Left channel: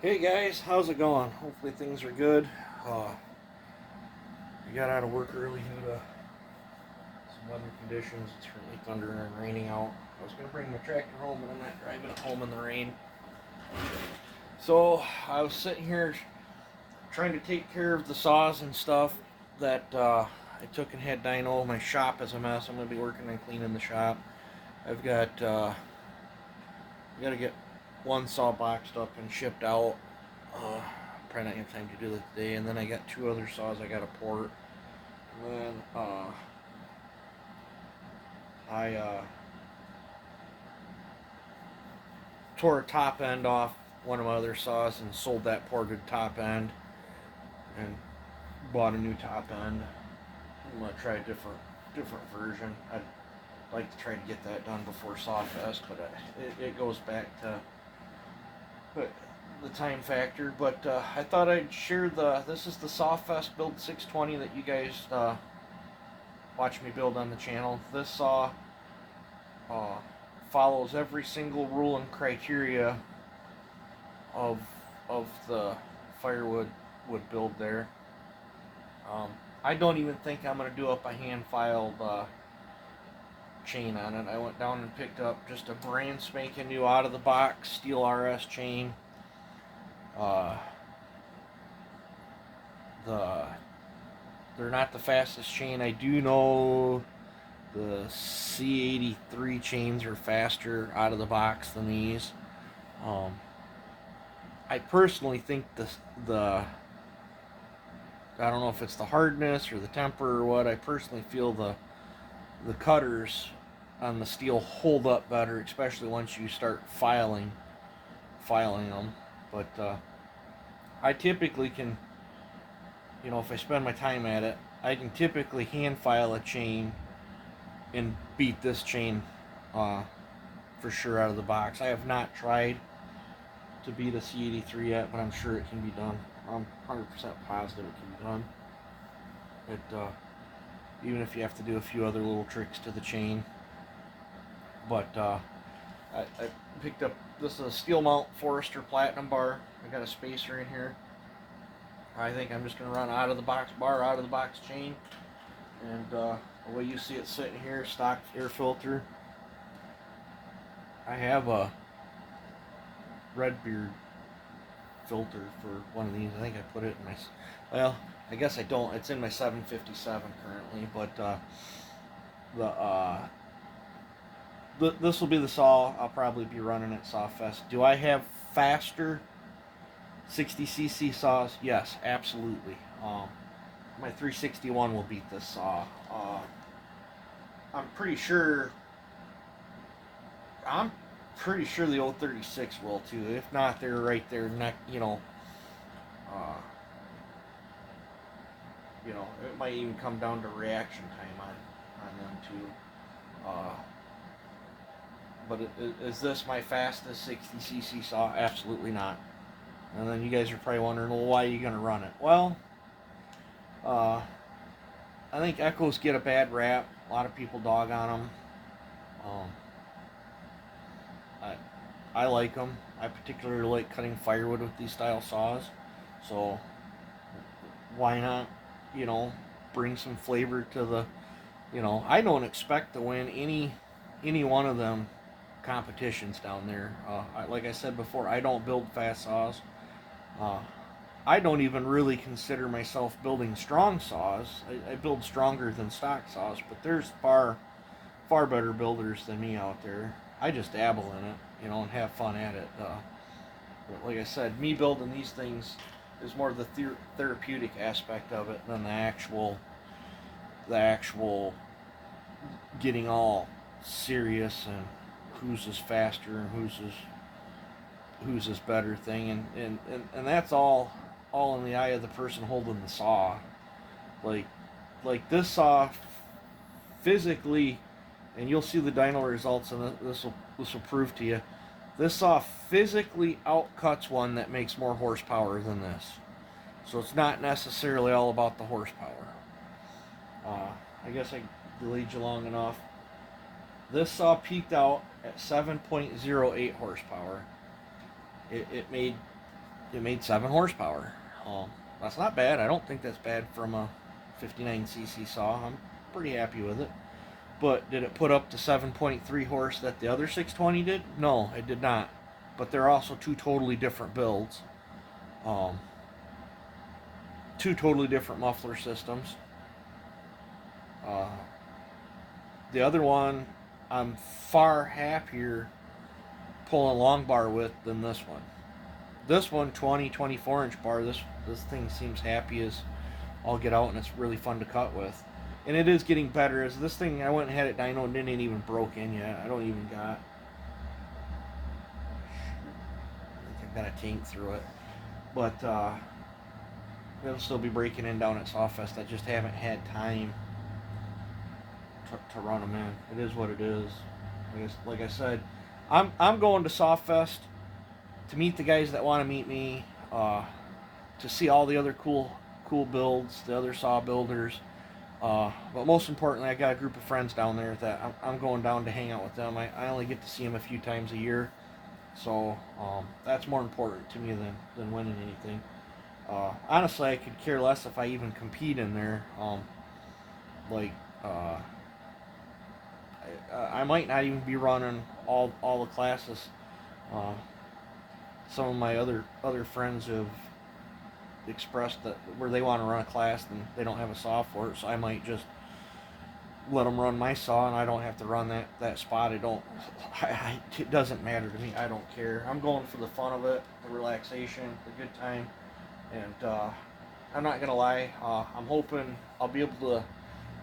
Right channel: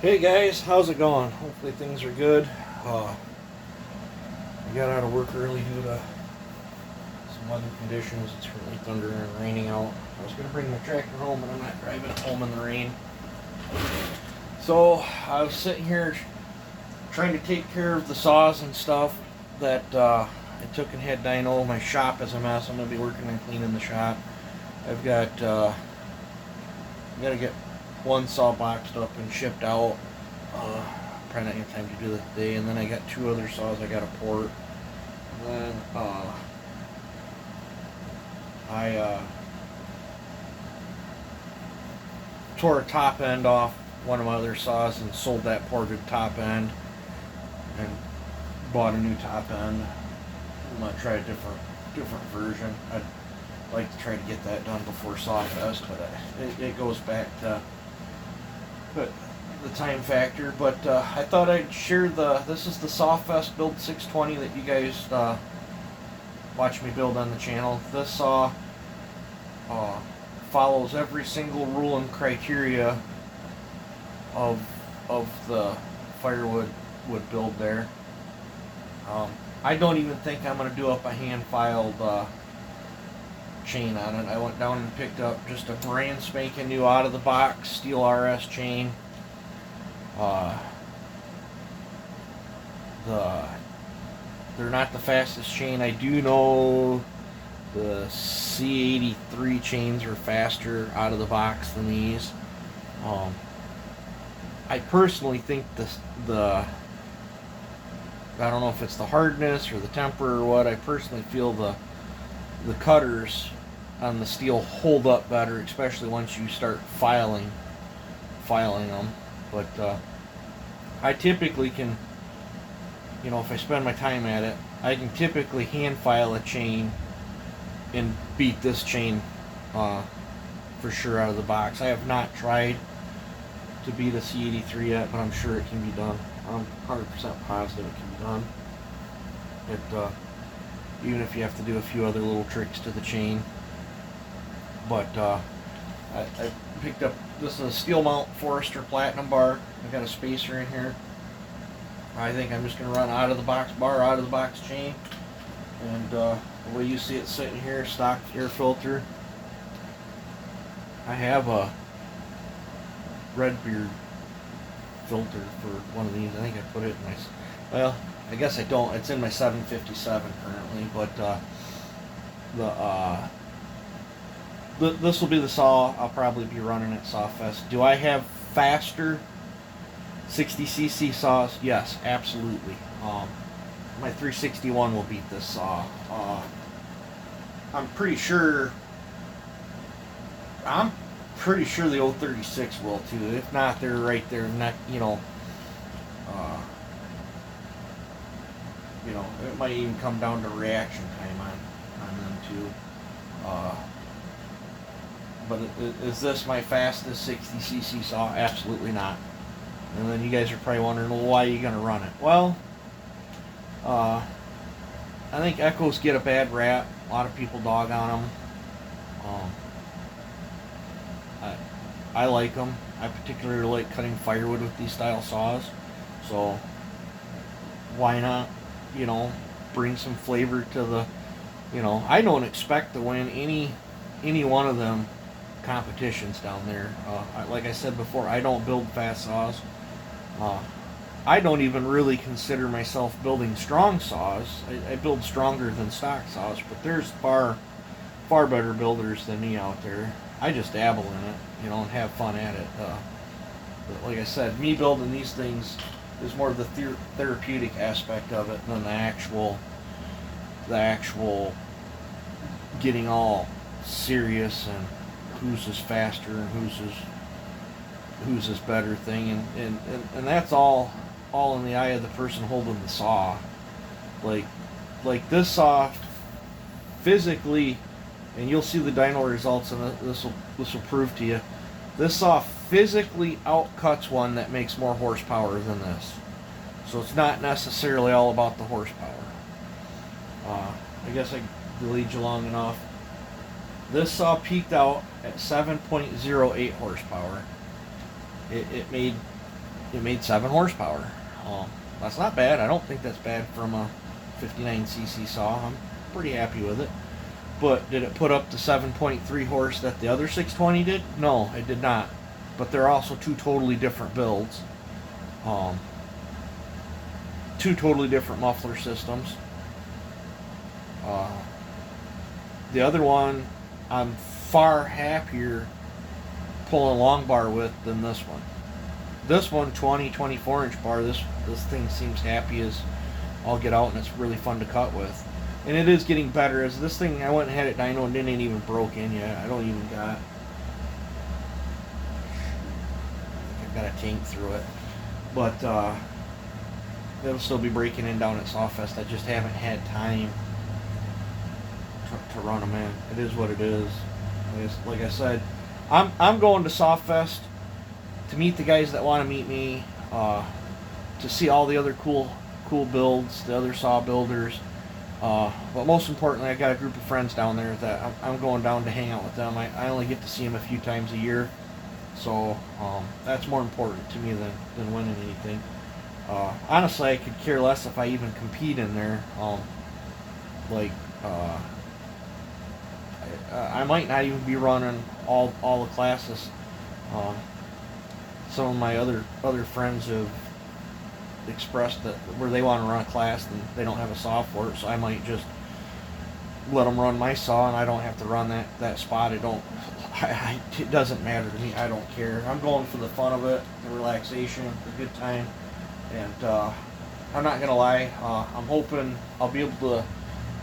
Hey guys, how's it going? Hopefully things are good. Uh, we got out of work early due to some weather conditions. It's currently thundering and raining out. I was gonna bring my tractor home, but I'm not driving it home in the rain. So I was sitting here trying to take care of the saws and stuff that I took and had Dyno. My shop is a mess. I'm gonna be working on cleaning the shop. I've got got to get one saw boxed up and shipped out. Probably not have time to do that today. And then I got two other saws I got to port. And then I tore a top end off one of my other saws and sold that ported top end and bought a new top end. I'm gonna try a different version. I'd like to try to get that done before Sawfest, but it goes back to the time factor. But I thought I'd share this is the Sawfest build 620 that you guys watch me build on the channel. This saw follows every single rule and criteria of the firewood wood build there. I don't even think I'm going to do up a hand filed chain on it. I went down and picked up just a brand spanking new out of the box steel RS chain. They're not the fastest chain. I do know the C83 chains are faster out of the box than these. I personally think the I don't know if it's the hardness or the temper or what. I personally feel the cutters on the steel hold up better, especially once you start filing them. But I typically can, if I spend my time at it, I can typically hand file a chain and beat this chain for sure out of the box. I have not tried to beat a C83 yet, but I'm sure it can be done. I'm 100% positive it can be done. Even if you have to do a few other little tricks to the chain. But I picked up, this is a steel mount Forester Platinum bar. I've got a spacer in here. I think I'm just going to run out of the box bar, out of the box chain. And the way you see it sitting here, stock air filter. I have a Redbeard filter for one of these. I think I put it in my, well, I guess I don't. It's in my 757 currently, but this will be the saw I'll probably be running at Sawfest. Do I have faster 60cc saws? Yes, absolutely. My 361 will beat this saw. I'm pretty sure the 036 will too. If not, they're right there. It might even come down to reaction time on them too. But is this my fastest 60cc saw? Absolutely not. And then you guys are probably wondering, well, why are you going to run it? Well, I think Echoes get a bad rap. A lot of people dog on them. I like them. I particularly like cutting firewood with these style saws. So why not, bring some flavor to the, I don't expect to win any one of them competitions down there. Like I said before, I don't build fast saws. I don't even really consider myself building strong saws. I build stronger than stock saws, but there's far better builders than me out there. I just dabble in it, and have fun at it. But like I said, me building these things is more of the therapeutic aspect of it than the actual getting all serious and whose is faster and whose is better thing, and that's all in the eye of the person holding the saw. Like this saw physically, and you'll see the dyno results, and this will prove to you. This saw physically outcuts one that makes more horsepower than this. So it's not necessarily all about the horsepower. I guess I lead you long enough. This saw peaked out at 7.08 horsepower. It made it made 7 horsepower. That's not bad. I don't think that's bad from a 59cc saw. I'm pretty happy with it. But did it put up the 7.3 horse that the other 620 did? No, it did not. But they're also two totally different builds. Um, Two totally different muffler systems. Uh, the other one, I'm far happier pulling long bar with than this one. This one, 24 inch bar, this thing seems happy as I'll get out, and it's really fun to cut with. And it is getting better. As this thing, I went and had it dyno and didn't even broke in yet. I don't even got. I've got a tank through it, but it'll still be breaking in down at Sawfest. I just haven't had time to run them in. It is what it is. Like I said, I'm going to Sawfest to meet the guys that want to meet me, to see all the other cool builds, the other saw builders. But most importantly, I got a group of friends down there that I'm going down to hang out with them. I only get to see them a few times a year, so that's more important to me than winning anything. Honestly, I could care less if I even compete in there. Like, I might not even be running all the classes. Some of my other friends have expressed that where they want to run a class and they don't have a saw for it, so I might just let them run my saw and I don't have to run that spot. It doesn't matter to me. I don't care. I'm going for the fun of it, the relaxation, the good time, and I'm not gonna lie. I'm hoping I'll be able to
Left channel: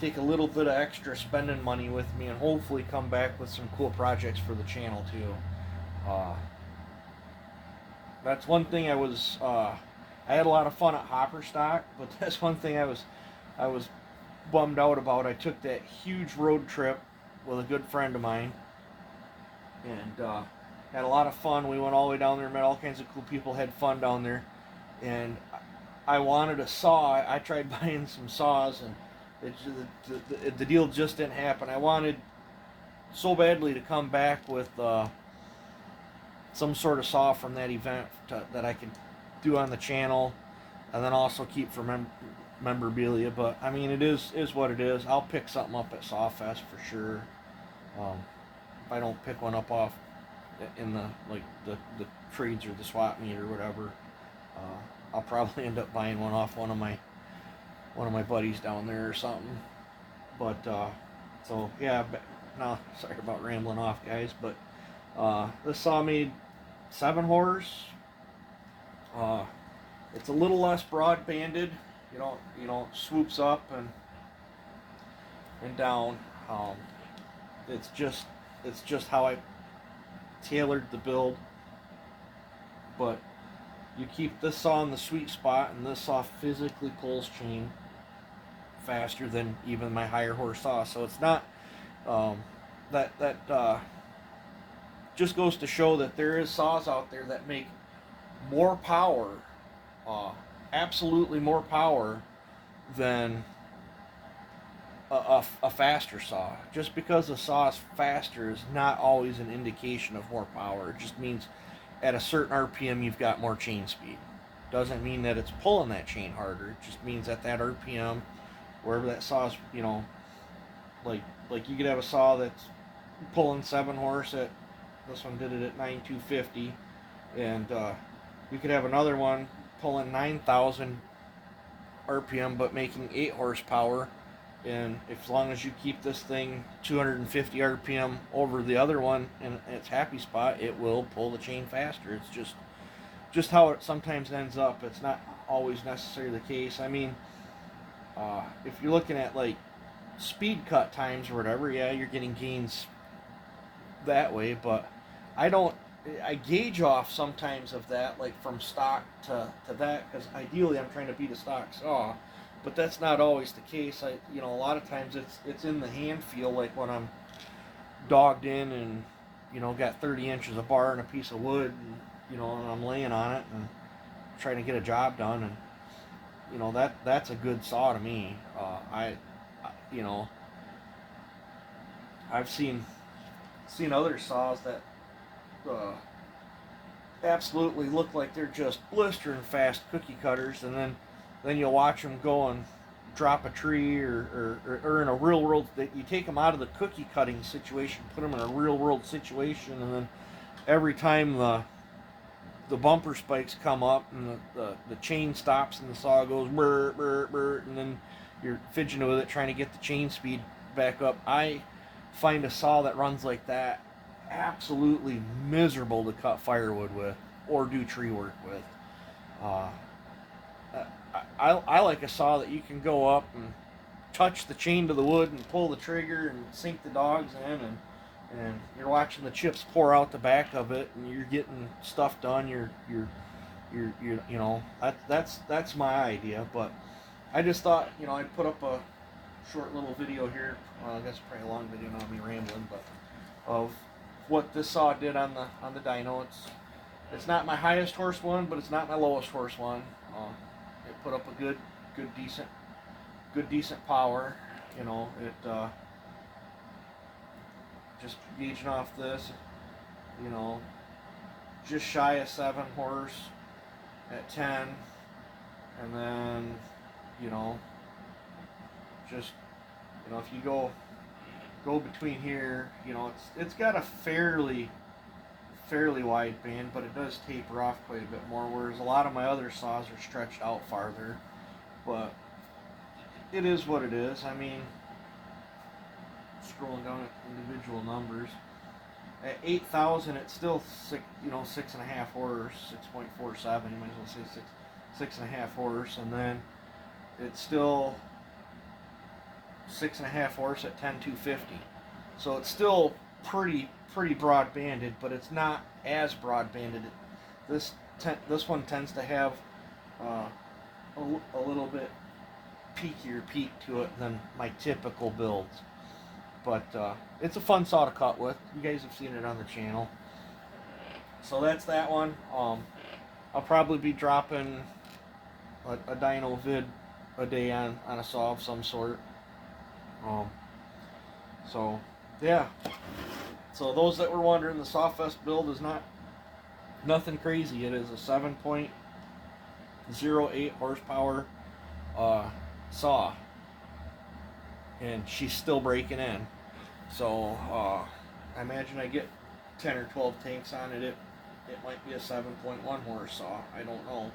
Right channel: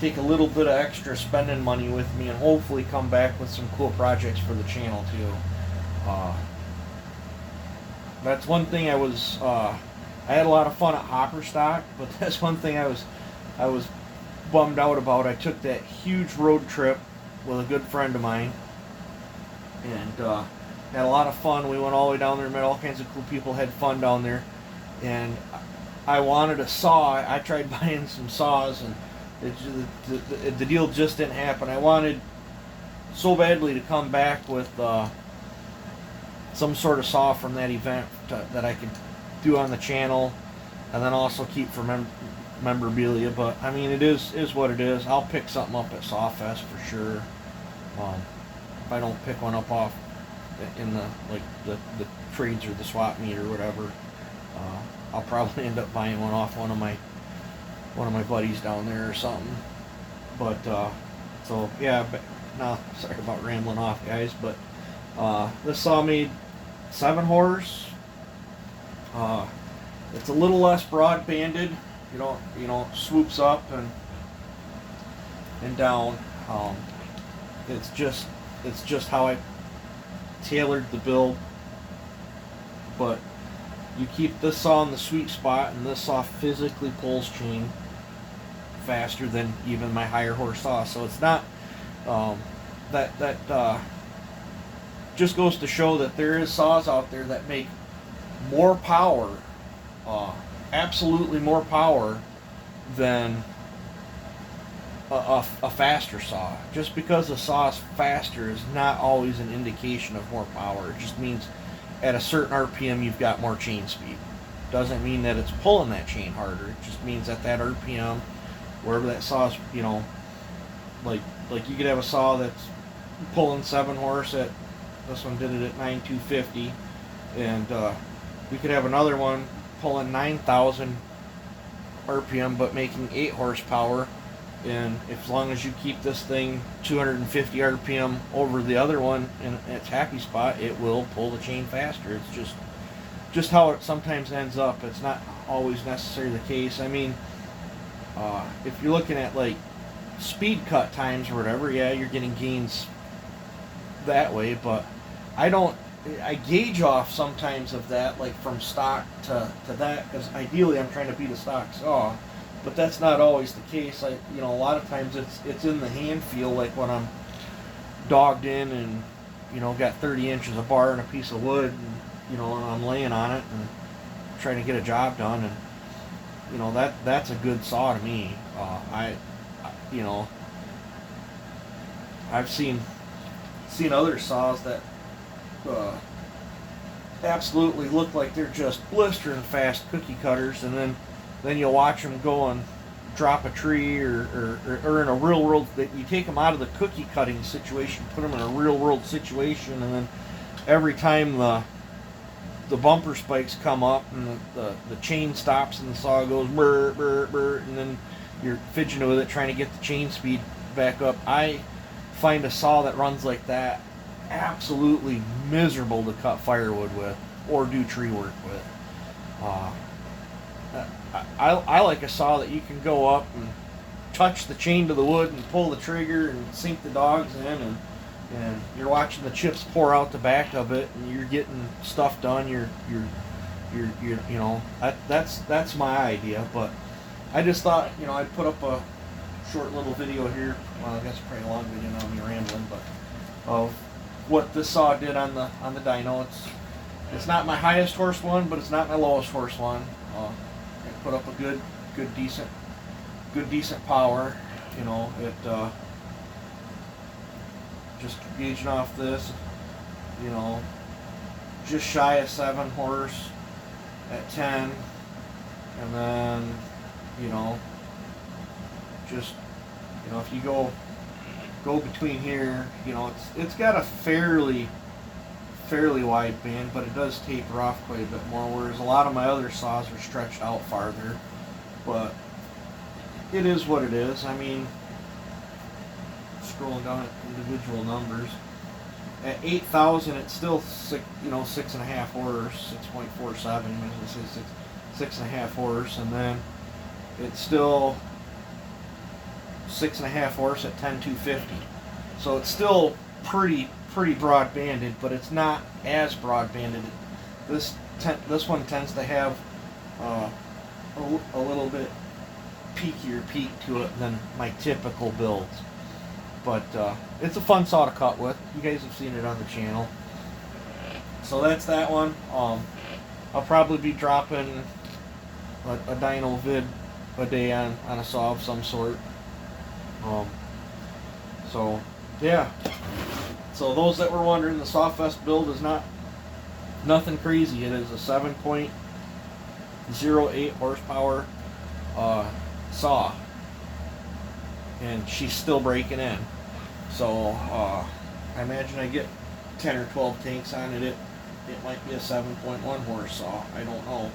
take a little bit of extra spending money with me and hopefully come back with some cool projects for the channel too. That's one thing I had a lot of fun at Hopper Stock, but that's one thing I was bummed out about. I took that huge road trip with a good friend of mine, and had a lot of fun. We went all the way down there, met all kinds of cool people, had fun down there, and I wanted a saw. I tried buying some saws, and the deal just didn't happen. I wanted so badly to come back with some sort of saw from that event that I could do on the channel, and then also keep for memorabilia. But I mean, it is what it is. I'll pick something up at Sawfest for sure. If I don't pick one up off in the trades or the swap meet or whatever, I'll probably end up buying one off one of my buddies down there or something. But so yeah. Now, sorry about rambling off, guys, but this saw made 7 horse. It's a little less broad banded. You know, swoops up and down. It's just how I tailored the build. But you keep this saw in the sweet spot, and this saw physically pulls chain faster than even my higher horse saw. So it's not that just goes to show that there is saws out there that make more power, absolutely more power than a faster saw. Just because a saw is faster is not always an indication of more power. It just means at a certain RPM you've got more chain speed. Doesn't mean that it's pulling that chain harder. It just means that RPM, wherever that saw is, like you could have a saw that's pulling 7 horse at, this one did it at 9,250, and we could have another one pulling 9,000 RPM but making 8 horsepower, and as long as you keep this thing 250 RPM over the other one in its happy spot, it will pull the chain faster. It's just how it sometimes ends up. It's not always necessarily the case. I mean, if you're looking at like speed cut times or whatever, yeah, you're getting gains that way, but I gauge off sometimes of that, like from stock to that, because ideally I'm trying to beat a stock saw, but that's not always the case. A lot of times it's in the hand feel, like when I'm dogged in and got 30 inches of bar and a piece of wood, and I'm laying on it and trying to get a job done, and that's a good saw to me. I've seen other saws that absolutely look like they're just blistering fast cookie cutters, and then you'll watch them go and drop a tree, or in a real world, that you take them out of the cookie cutting situation, put them in a real world situation, and then every time the bumper spikes come up and the chain stops and the saw goes brr, brr, brr, and then you're fidgeting with it trying to get the chain speed back up. I find a saw that runs like that absolutely miserable to cut firewood with or do tree work with. I like a saw that you can go up and touch the chain to the wood and pull the trigger and sink the dogs in, and you're watching the chips pour out the back of it, and you're getting stuff done. You're you know, that's my idea. But I just thought, you know, I'd put up a short little video here. Well, I guess probably a long video, not me rambling, but of what this saw did on the dyno. It's not my highest horse one, but it's not my lowest horse one. It put up a good decent power. You know, it just gauging off this, you know, just shy of 7 horse at 10, and then, you know, just, you know, if you go between here, you know, it's got a fairly wide band, but it does taper off quite a bit more, whereas a lot of my other saws are stretched out farther. But it is what it is. I mean, scrolling down at individual numbers, at 8,000 it's still 6.5 horse, 6.47, you might as well say 6.5 horse, and then it's still 6.5 horse at 10,250. So it's still pretty broad banded, but it's not as broad banded. This one tends to have a little bit peakier peak to it than my typical builds. But it's a fun saw to cut with. You guys have seen it on the channel. So that's that one. I'll probably be dropping a dyno vid a day on a saw of some sort. So yeah. So those that were wondering, the Sawfest build is nothing crazy. It is a 7.08 horsepower saw, and she's still breaking in. So I imagine I get 10 or 12 tanks on it. It might be a 7.1 horse saw. I don't know.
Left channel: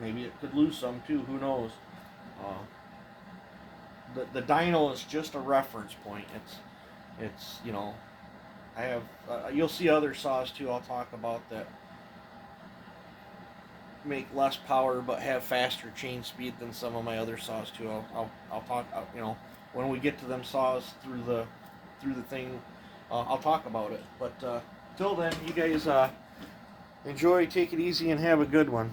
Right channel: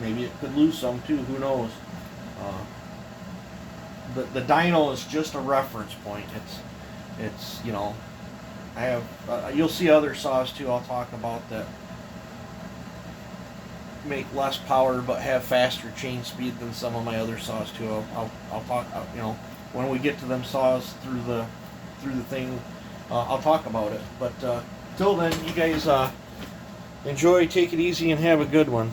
Maybe it could lose some too. Who knows? The dyno is just a reference point. It's you know, I have you'll see other saws too. I'll talk about that make less power but have faster chain speed than some of my other saws too. I'll talk, you know, when we get to them saws through the thing. I'll talk about it. But till then, you guys enjoy, take it easy, and have a good one.